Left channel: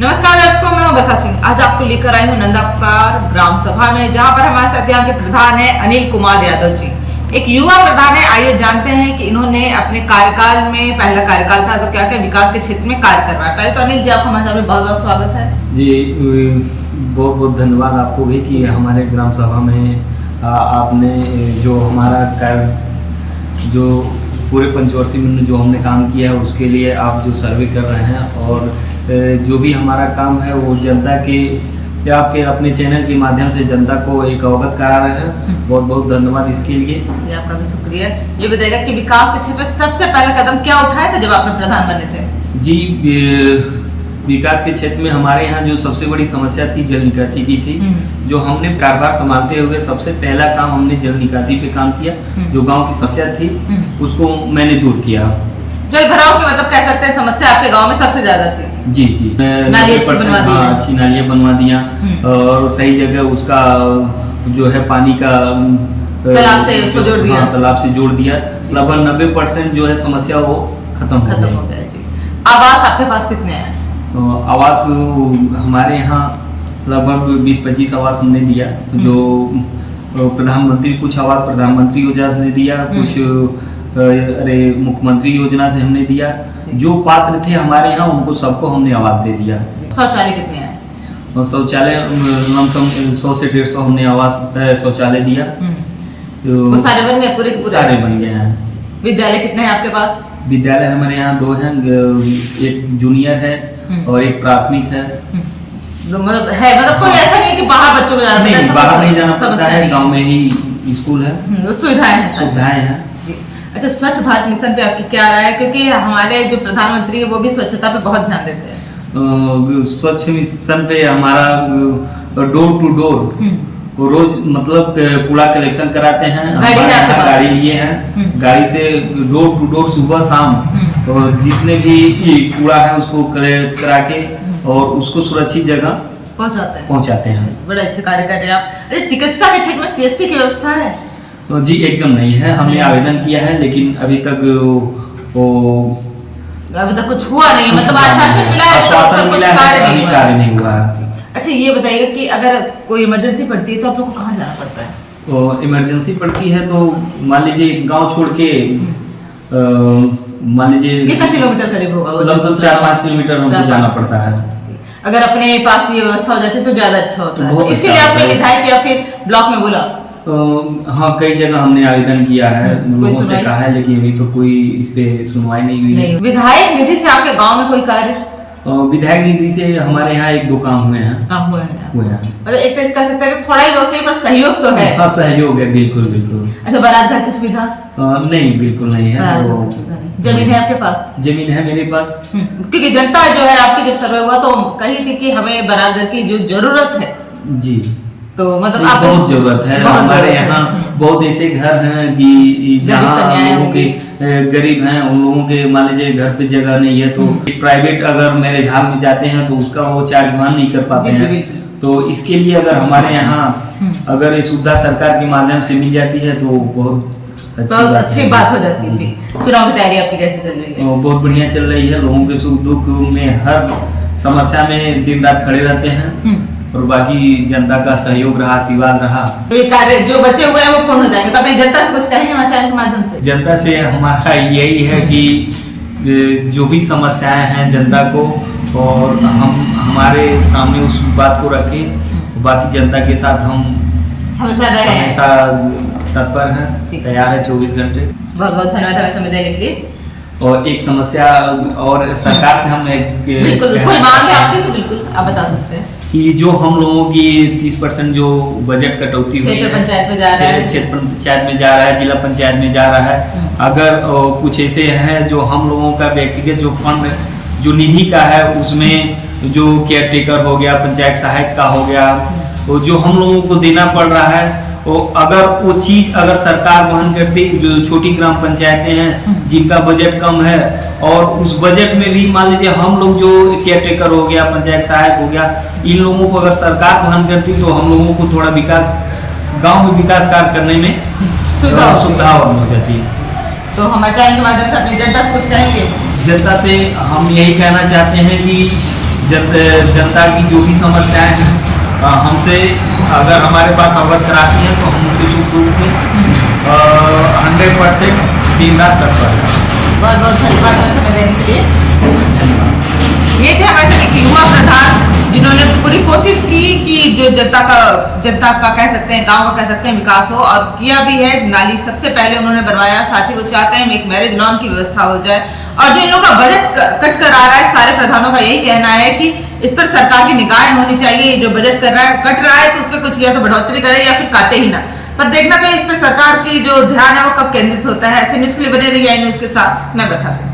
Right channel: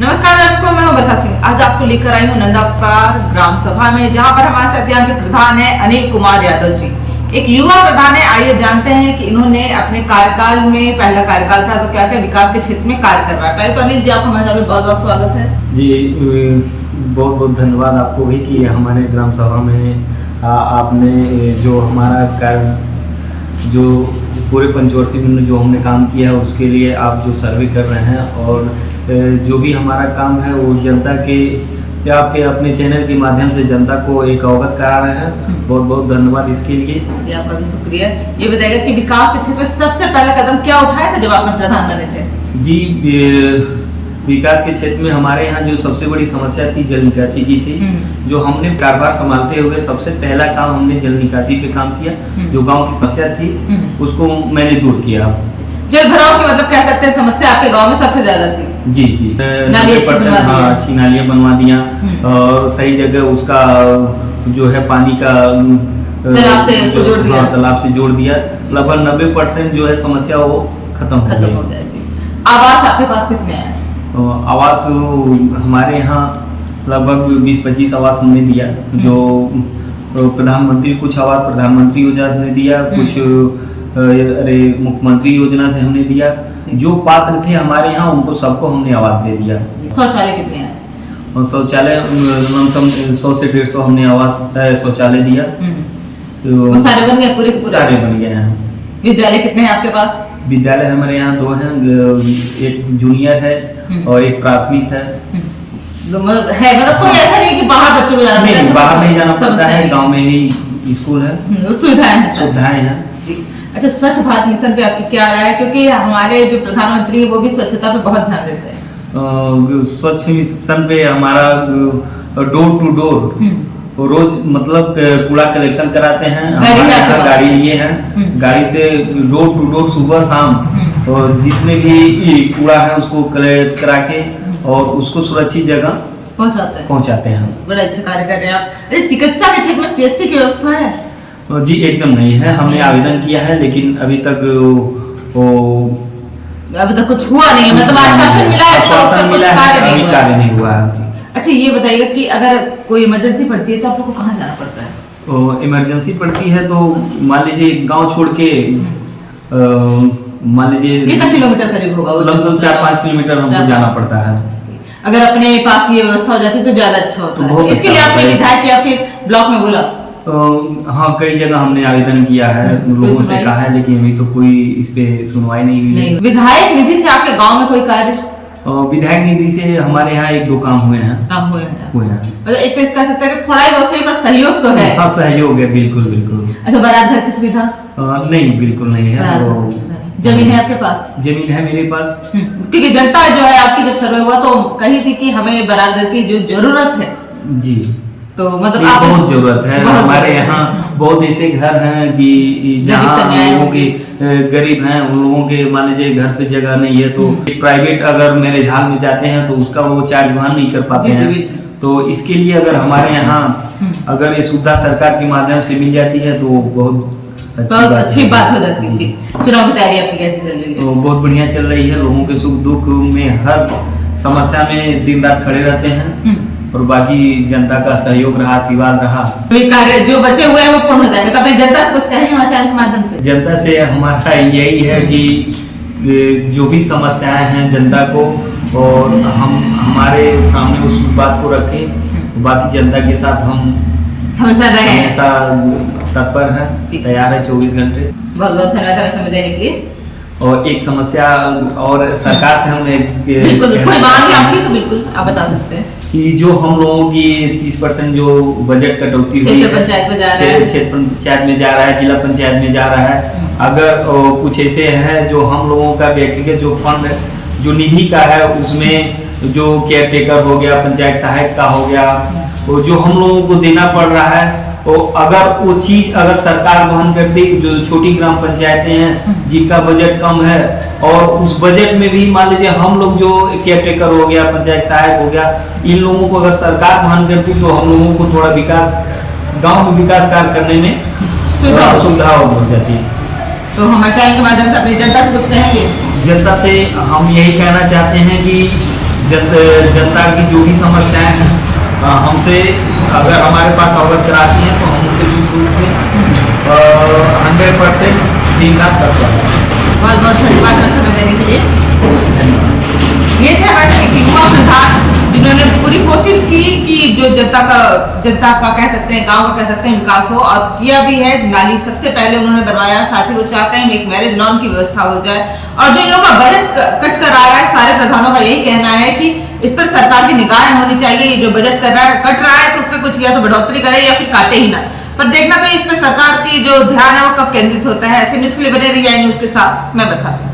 नमस्कार दर्शकों, मैं हूं बरखा सिंह। आज आपको लेकर आई हूं नंदापार ग्राम सभा में, जहां पर हमारे साथ यहाँ के प्रधान है अनिल कुमार यादव जी। एक युवा प्रधान है। आइए जानते हैं कि इन्होंने अपने कार्यकाल में, पहला कार्यकाल था तो क्या क्या विकास के क्षेत्र में कार्य कर रहा है। पहले तो अनिल जी, आपका हमारे साथ में बहुत बहुत स्वागत है जी। बहुत बहुत धन्यवाद आपको भी कि हमारे ग्राम सभा में आपने जो हमारा कार्य, जो पूरे पंचवर्षी में जो हमने काम किया है उसके लिए आप जो सर्वे कर रहे हैं और जो भी हमारा काम है वो जनता के या आपके अपने चैनल के माध्यम से जनता को एक अवगत करा रहे हैं। बहुत बहुत धन्यवाद इसके लिए। जी, आपका भी शुक्रिया। ये बताएगा कि विकास के क्षेत्र में सबसे पहला कदम क्या उठाया था जब आपने प्रधान बने थे? जी, विकास के क्षेत्र में हमारे यहाँ जो सबसे बड़ी समस्या थी जल निकासी की थी। जो हमने कारोबार संभालते हुए सबसे पहला काम हमने जल निकासी पे काम किया। जो गांव की समस्या थी उसको मैंने दूर किया। जल भराव की मतलब कह सकते हैं समस्या आपके गांव में सबसे ज्यादा थी। जी जी, अच्छी नालियाँ बनवा दिया और सही जगह उसका जो है पानी का तालाब से जोड़ दिया। लगभग 90% जो है समस्या वो खत्म हो गया। जी। आवास आपके पास कितने हैं? आवास हमारे यहाँ लगभग 20-25 आवास हमने दिया। जो प्रधानमंत्री, कुछ आवास प्रधानमंत्री योजना ने दिया, कुछ मुख्यमंत्री योजना से हमने दिया। जो पात्र थे हमारे यहाँ उनको सबको हमने आवास दे दिया। शौचालय कितने हैं? और शौचालय लमसम 100 से 150 हमने आवास शौचालय दिया। वो सारे बन गए? पूरे सारे बन गए हैं। विद्यालय कितने हैं आपके पास? विद्यालय हमारे यहाँ 2 हैं, एक जूनियर है और एक प्राथमिक है। मतलब कोई ऐसा नहीं कि बाहर बच्चों को जाना पड़ता है? नहीं, बाहर नहीं जाना पड़ता है, गांव में ही स्कूल है। सुविधाएं हैं जी। अच्छा, स्वच्छ भारत मिशन पे आपकी क्या राय है? क्योंकि हमारे जो प्रधानमंत्री है वो भी स्वच्छता पे बहुत ध्यान देते हैं। स्वच्छ मिशन पे हमारा डोर टू डोर रोज मतलब कूड़ा कलेक्शन कराते हैं। हमारे यहाँ गाड़ी लिए हैं, गाड़ी से डोर टू डोर सुबह शाम और जितने भी कूड़ा है उसको कलेक्ट करा के और उसको सुरक्षित जगह पहुँचाते हैं। बड़े अच्छे कार्य कर रहे हैं आप। अरे, चिकित्सा के क्षेत्र में सीएससी की व्यवस्था है? जी एकदम नहीं है। हमने आवेदन किया है लेकिन अभी तक कुछ हुआ नहीं। मतलब आश्वासन मिला है, अभी कार्य नहीं हुआ है। अच्छा, ये बताइए कि अगर कोई इमरजेंसी पड़ती है तो आप लोग को कहाँ जाना पड़ता है? तो इमरजेंसी पड़ती है तो मान लीजिए गांव छोड़ के मान लीजिए कितना किलोमीटर करीब होगा? लमसम 4-5 किलोमीटर हमको जाना पड़ता है। अगर अपने पास ये व्यवस्था हो जाती तो ज्यादा अच्छा होता है। इसके लिए आपने विधायक या फिर ब्लॉक में बोला? हाँ, कई जगह हमने आवेदन किया है, लोगों से कहा है, लेकिन अभी तो कोई इस पे सुनवाई नहीं हुई है। विधायक निधि से आपके गांव में कोई कार्य? विधायक निधि से हमारे यहाँ 1-2 काम हुए हैं। मतलब एक तो कह सकते हैं कि थोड़ा ही वैसे पर सहयोग तो है। हाँ, सहयोग है, बिल्कुल बिल्कुल। अच्छा, बारात घर की सुविधा? नहीं, बिल्कुल नहीं है। जमीन है आपके पास? जमीन है मेरे पास। क्योंकि जनता जो है आपकी जब सर्वे हुआ तो कही थी कि हमें बारात घर की जो जरूरत है। जी, तो मतलब बहुत जरूरत है। हमारे यहाँ बहुत ऐसे घर हैं कि जहाँ लोगों के गरीब हैं, उन लोगों के मान लीजिए घर पे जगह नहीं है तो प्राइवेट अगर मैरिज हॉल में जाते हैं तो उसका वो चार्ज वहन नहीं कर पाते हैं। तो इसके लिए अगर हमारे यहाँ अगर ये सुविधा सरकार के माध्यम से मिल जाती है तो बहुत अच्छी बात हो जाती है। जी। चुनाव की तैयारी आपकी कैसी चल रही है? बहुत बढ़िया चल रही है। लोगों के सुख दुख में, हर समस्या में दिन रात खड़े रहते हैं और बाकी जनता का सहयोग रहा, आशीर्वाद रहा। कार्य जो बचे हुए हैं वो पूर्ण हो जाएंगे। तो अपनी जनता से कुछ कहेंगे हमारे चैनल के माध्यम से? जनता से हमारा यही है कि जो भी समस्याएं हैं जनता को, और हम हमारे सामने उस बात को रखें। बाकी जनता के साथ हम हमेशा तत्पर हैं, तैयार है 24 घंटे। बहुत बहुत धन्यवाद हमें समय देने के लिए। और एक समस्या और सरकार से हम बिल्कुल आप बता सकते हैं कि जो हम लोगों की 30% जो बजट कटौती हुई है, क्षेत्र पंचायत में जा रहा है, जिला पंचायत में जा रहा है। अगर कुछ ऐसे हैं जो हम लोगों का व्यक्तिगत जो फंड जो निधि का है उसमें जो केयर टेकर हो गया, पंचायत सहायक का हो गया, वो जो हम लोगों को देना पड़ रहा है, तो अगर वो चीज अगर सरकार वहन करती, जो छोटी ग्राम पंचायतें हैं जिनका बजट कम है और उस बजट में भी मान लीजिए हम लोग जो केयर टेकर हो गया, पंचायत सहायक हो गया, इन लोगों को अगर सरकार वहन करती तो हम लोगों को थोड़ा विकास, गांव में विकास कार्य करने में सुविधा और हो जाती है। तो हमारे चैनल के माध्यम से अपनी जनता से कुछ कहेंगे? जनता से हम यही कहना चाहते हैं कि जनता की जो भी समस्याएं हैं हमसे अगर हमारे पास अवगत कराती हैं तो हम उनके सुख दुख में 100% दिन रात तत्पर हैं। बहुत बहुत धन्यवाद समय देने के लिए। धन्यवाद। ये थे हमारे एक युवा प्रधान जिन्होंने पूरी कोशिश की कि जो जनता का कह सकते हैं, गांव का कह सकते हैं विकास हो, और किया भी है। नाली सबसे पहले उन्होंने बनवाया, साथ ही वो चाहते हैं एक मैरिज लॉन की व्यवस्था हो जाए। और जो इन लोगों का बजट कट कर आ रहा है, सारे प्रधानों का यही कहना है कि इस पर सरकार की निगाहें होनी चाहिए। जो बजट कट रहा है तो उस पर कुछ या तो बढ़ोतरी करे या फिर काटे ही ना। पर देखना तो इस पर सरकार की जो ध्यान है वो कब केंद्रित होता है। ऐसे न्यूज के लिए बने रहिए न्यूज के साथ। मैं बरखा सिंह।